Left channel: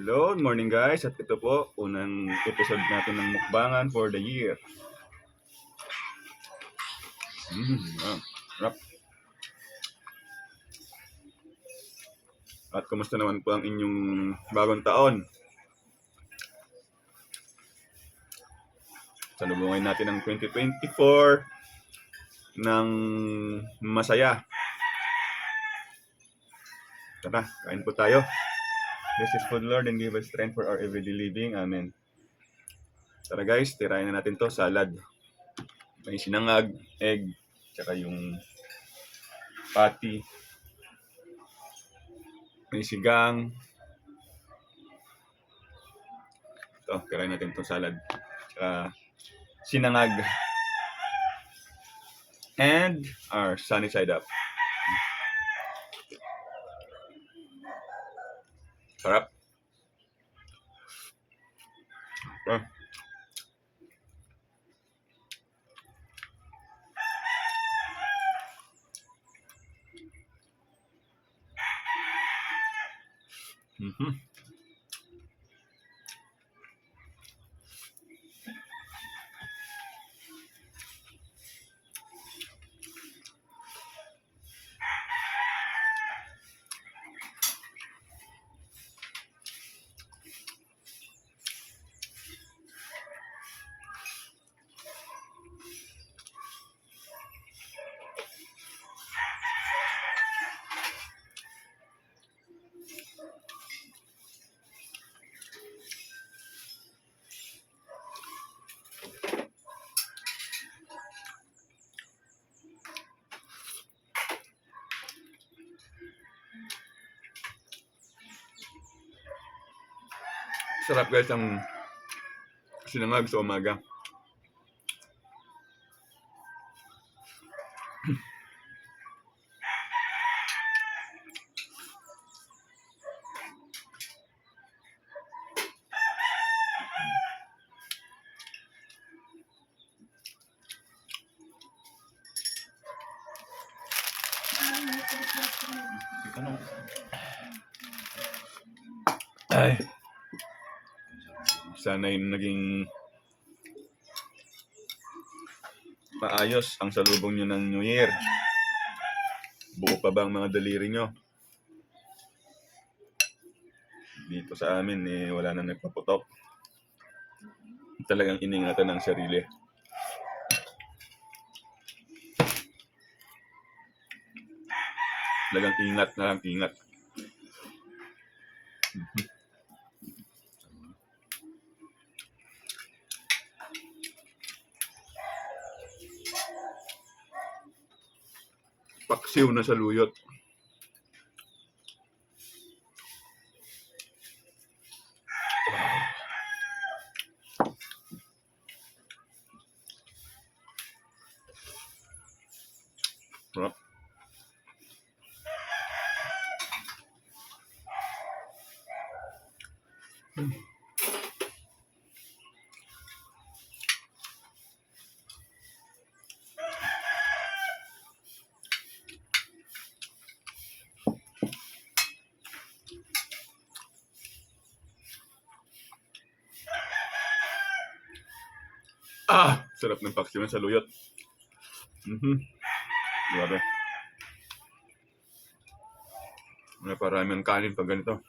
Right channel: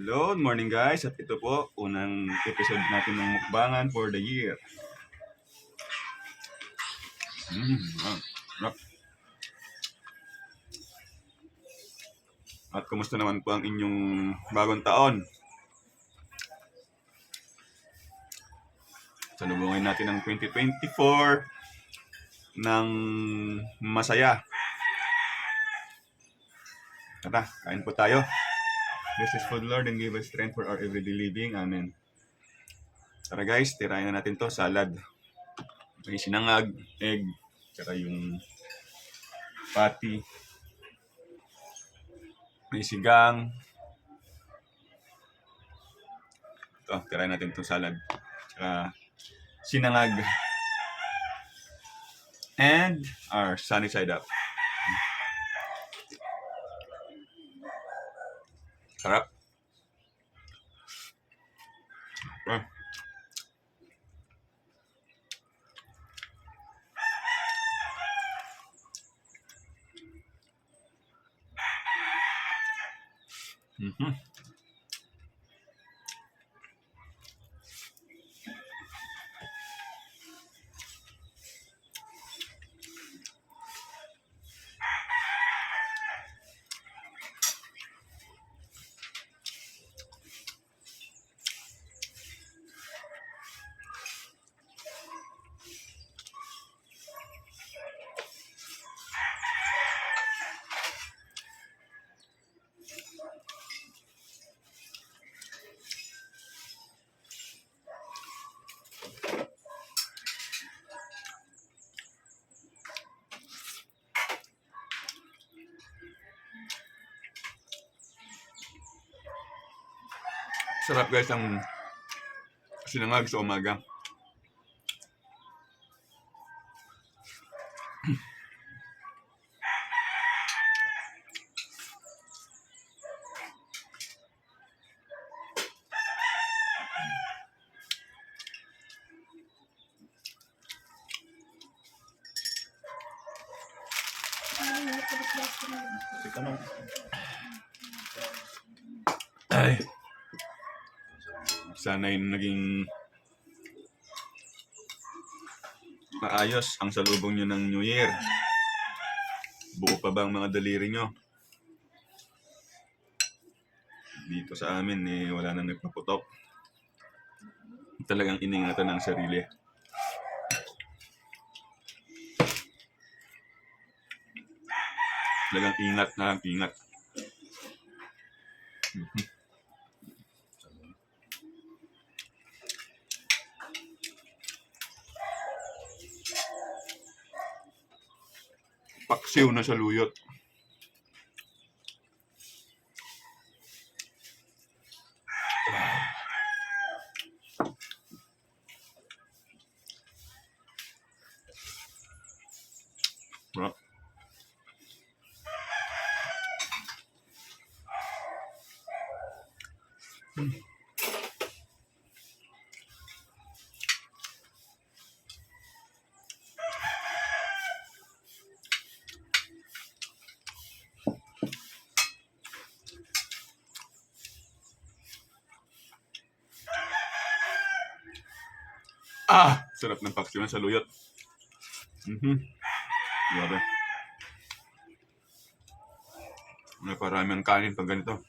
Hello, good morning guys. At ito po, unang episode natin ng mukbangan for the year. Sarap. At kumusta naman po ang inyong bagong taon? Salubungin natin ang 2024 ng masaya. Tara, kain po tayo. This is food, Lord, and give us strength for our everyday living. Amen. Tara guys, tirayan na natin to, salad. May sinangag, egg, tsaka yung patty. May sigang. Ito, tirayan natin itong salad. Tsaka sinangag. And our sunny side up. Sarap. Oh. Sarap guys ang sinangag sa umaga. Ay. Sana yung naging maayos ang salubong nyo ng New Year. Buo pa ba ang mga daliri nyo? Dito sa amin wala na nagpaputok. Talagang iningatan ng sarili. Talagang ingat na lang, ingat. Paksiw na sa luyot. Sarap ng paksiw na sa luyot. Grabe. May parami ang kanin pag ganito.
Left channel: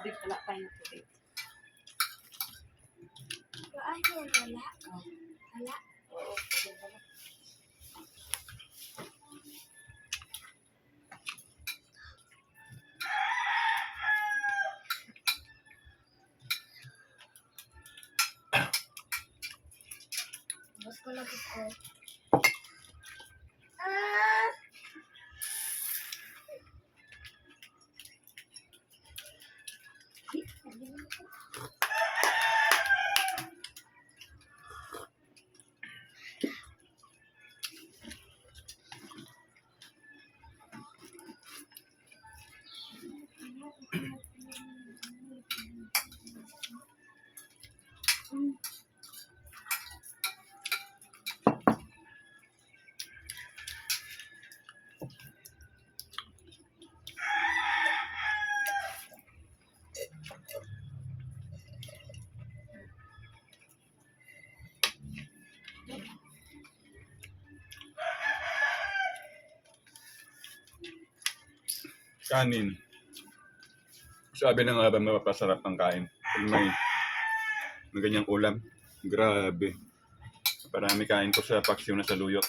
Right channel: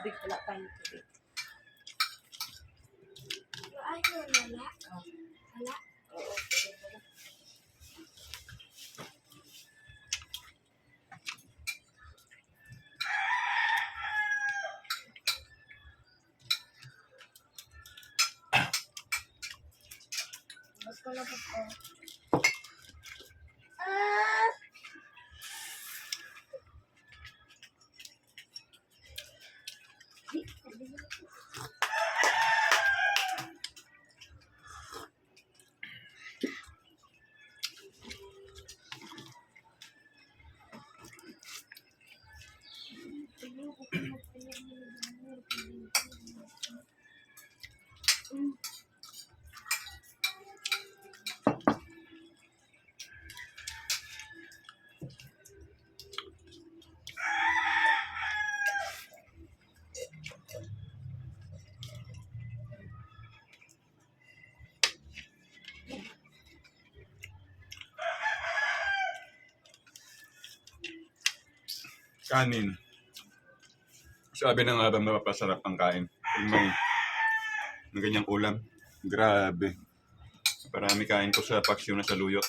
tubig, wala tayong tubig. Ay, wala. Wala. Oo, tubig wala. Bus ko na po ko. Ah! Kanin. Sabi ng Adam na mapasarap ang kain. Pag may ganyang ulam. Grabe. Parami kain ko sa paksyo na saluyot.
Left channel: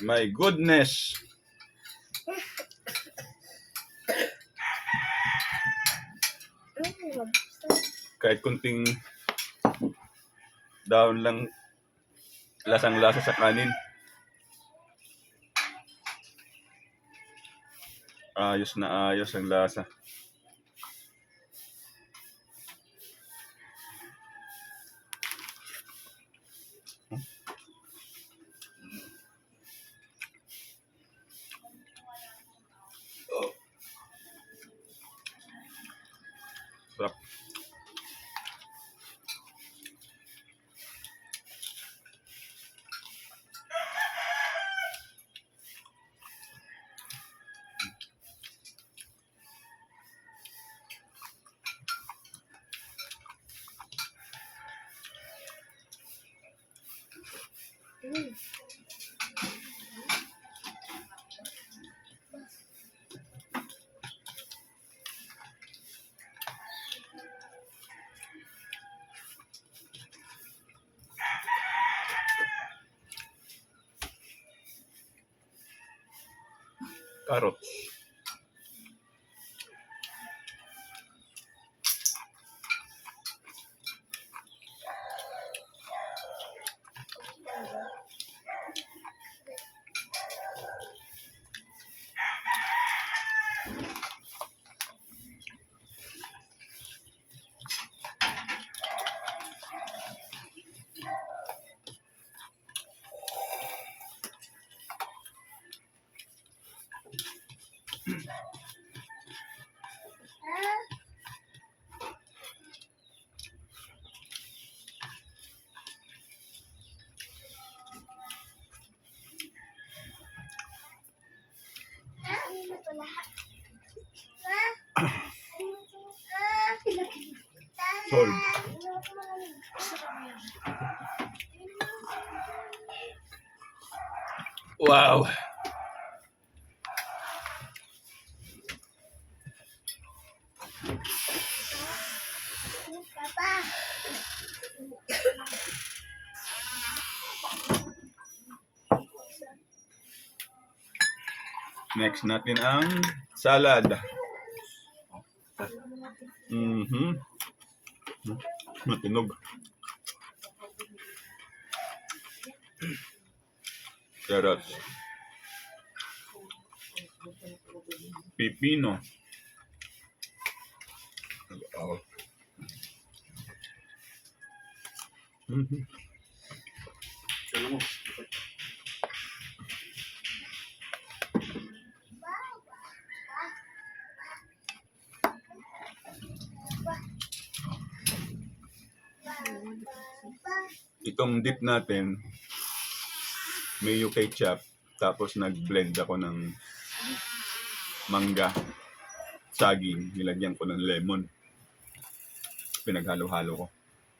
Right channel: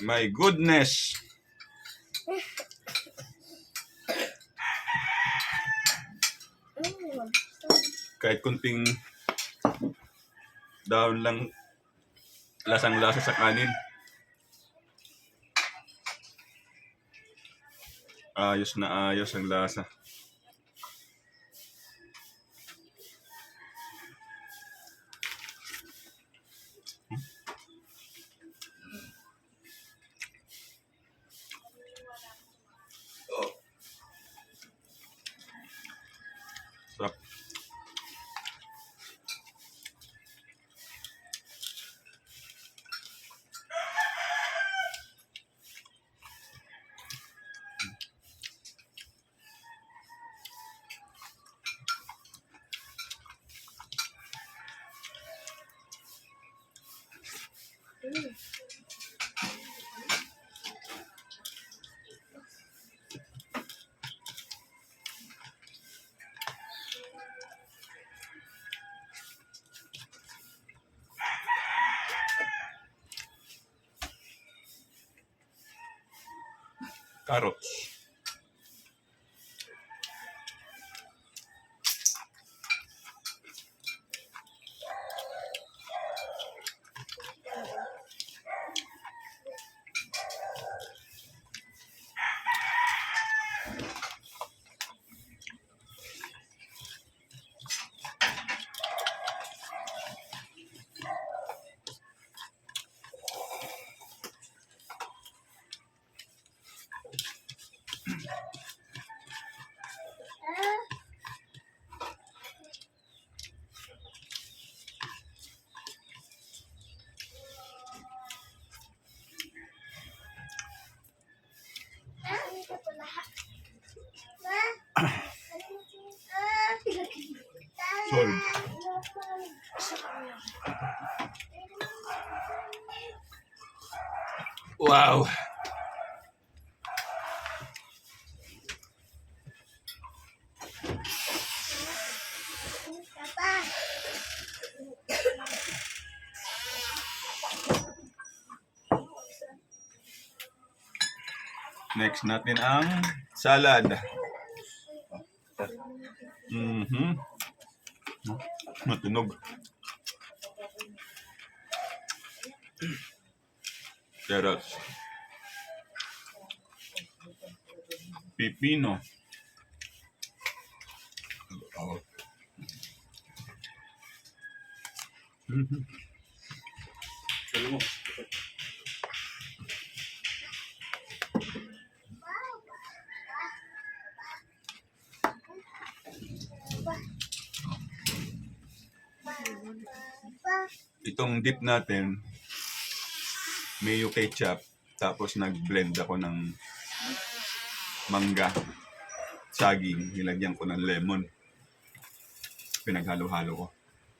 My goodness! Kahit kunting daon lang lasang-lasa sa kanin. Ayos na ayos ang lasa. Sarap. Carrots. Solve. Wow! Papa. Next natin ang salad. Matunog. Carrots. Pipino. Oh. Kala mo. Itong dip natin, mayo ketchup, tapos nag-blend ako ng mangga, saging, nilagyan ko ng lemon. Pinaghalo-halo ko.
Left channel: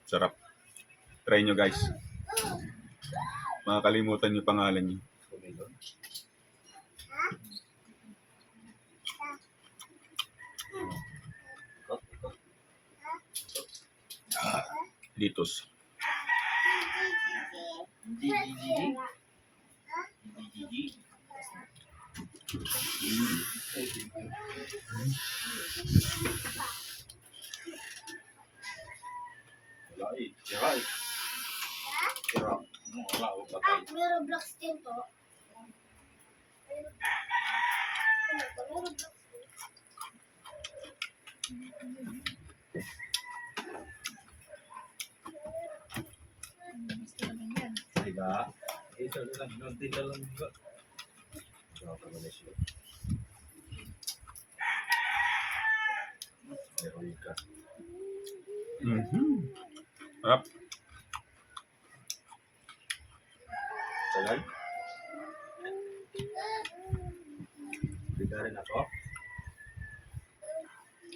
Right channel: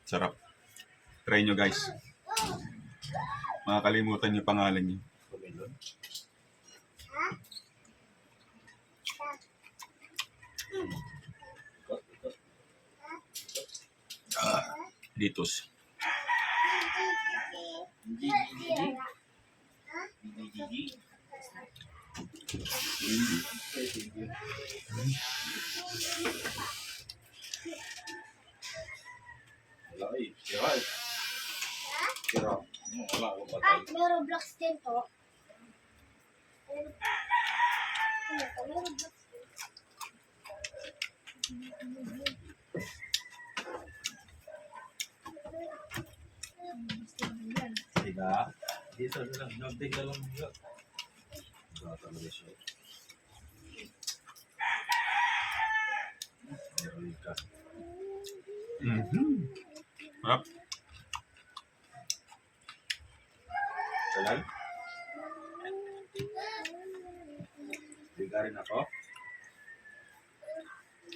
Sarap. Try nyo guys. Makakalimutan nyo pangalan nyo. Dito's. May Roblox din po. Ano to? May Roblox din. Diba? Isa lang. Nagting lang mga. Talaga siya. Meron ka. Harap. Tagal? Bigarin ako?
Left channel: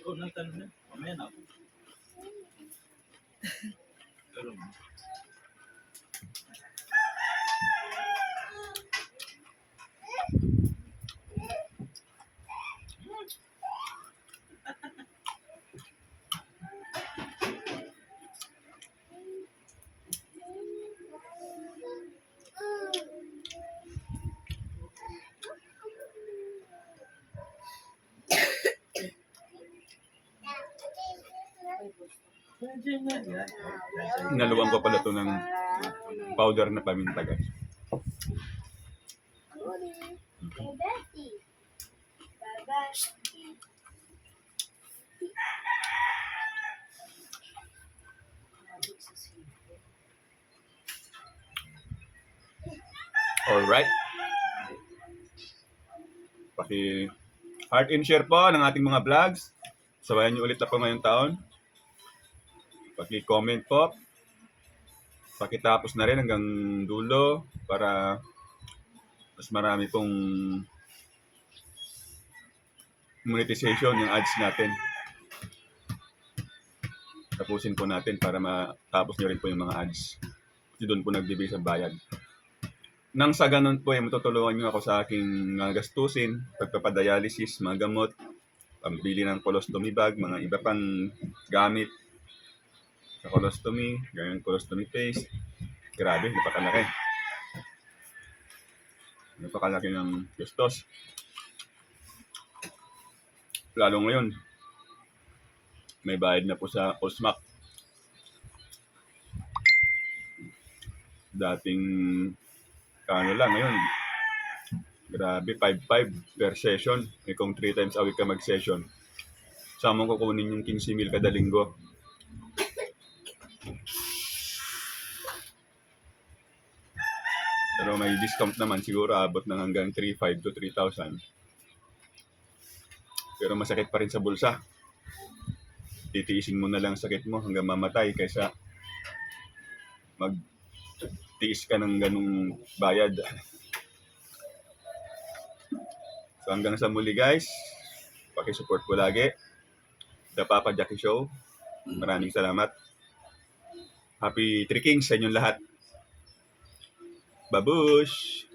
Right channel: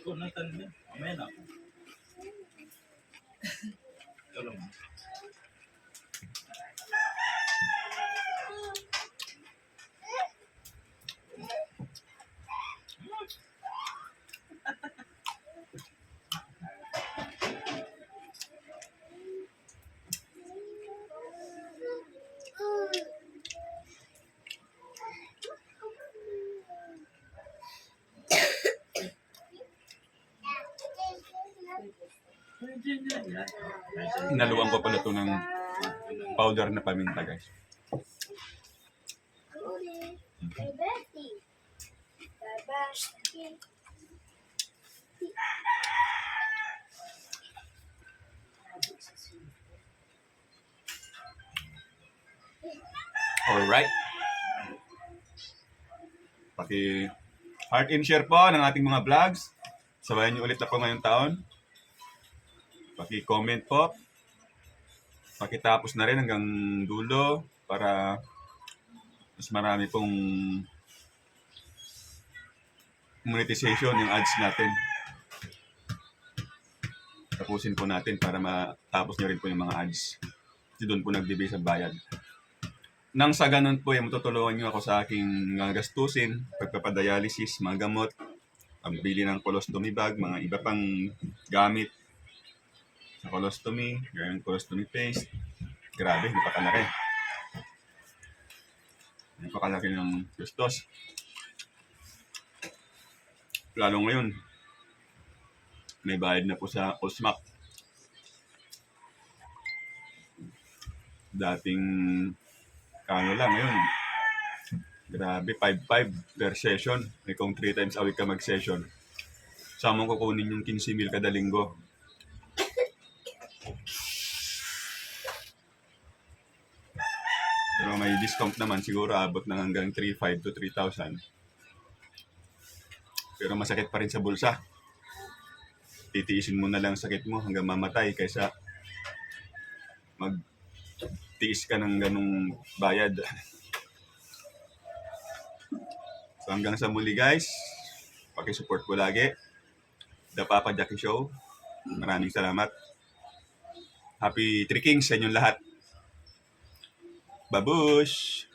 Oo, naitan na. Mamaya na ako. Ito lang. Inaluan ko pala to ng powder na paminta, guys. Goody. Kay Betty. Bye-bye. Alright. Paki heart and share po ng ating mga vlogs. Sabayan niyo ulit ako ngayong taon. Paki-comment po. Pakitapos na rin hanggang dulo para mas marami pong monetization yung ads natin. Tapusin po natin para matapos niyo rin po yung mga ads. Kasi doon po nagbibigay sa bayad. Nang sa ganun po, matutulungan niyo ako sa aking mga gastusin, pagpapadialysis, mga gamot, pambili ng colostomy bag, mga iba pang gamit sa colostomy, gawing colostomy paste. Grabe, napakalaki. Napakalaki ng gastos. Lalo ngayon, may bayad na po sa OSMAC. Dating kano lang ngayon. Grabe, 5-5 per session. May kung 3 times a week ka mag-session. Saan mo kukunin yung 15,000 kada linggo? Pero may discount naman, siguro abot na hanggang 3,500 to 3,000. Pero masakit pa rin sa bulsa. Titiisin mo na lang sakit mo hanggang mamatay kaysa magtiis ka ng ganung bayad. So hanggang sa muli, guys, paki-support ko lagi. The Papa Jackie Show. Maraming salamat. Happy Three Kings sa inyong lahat. Babush!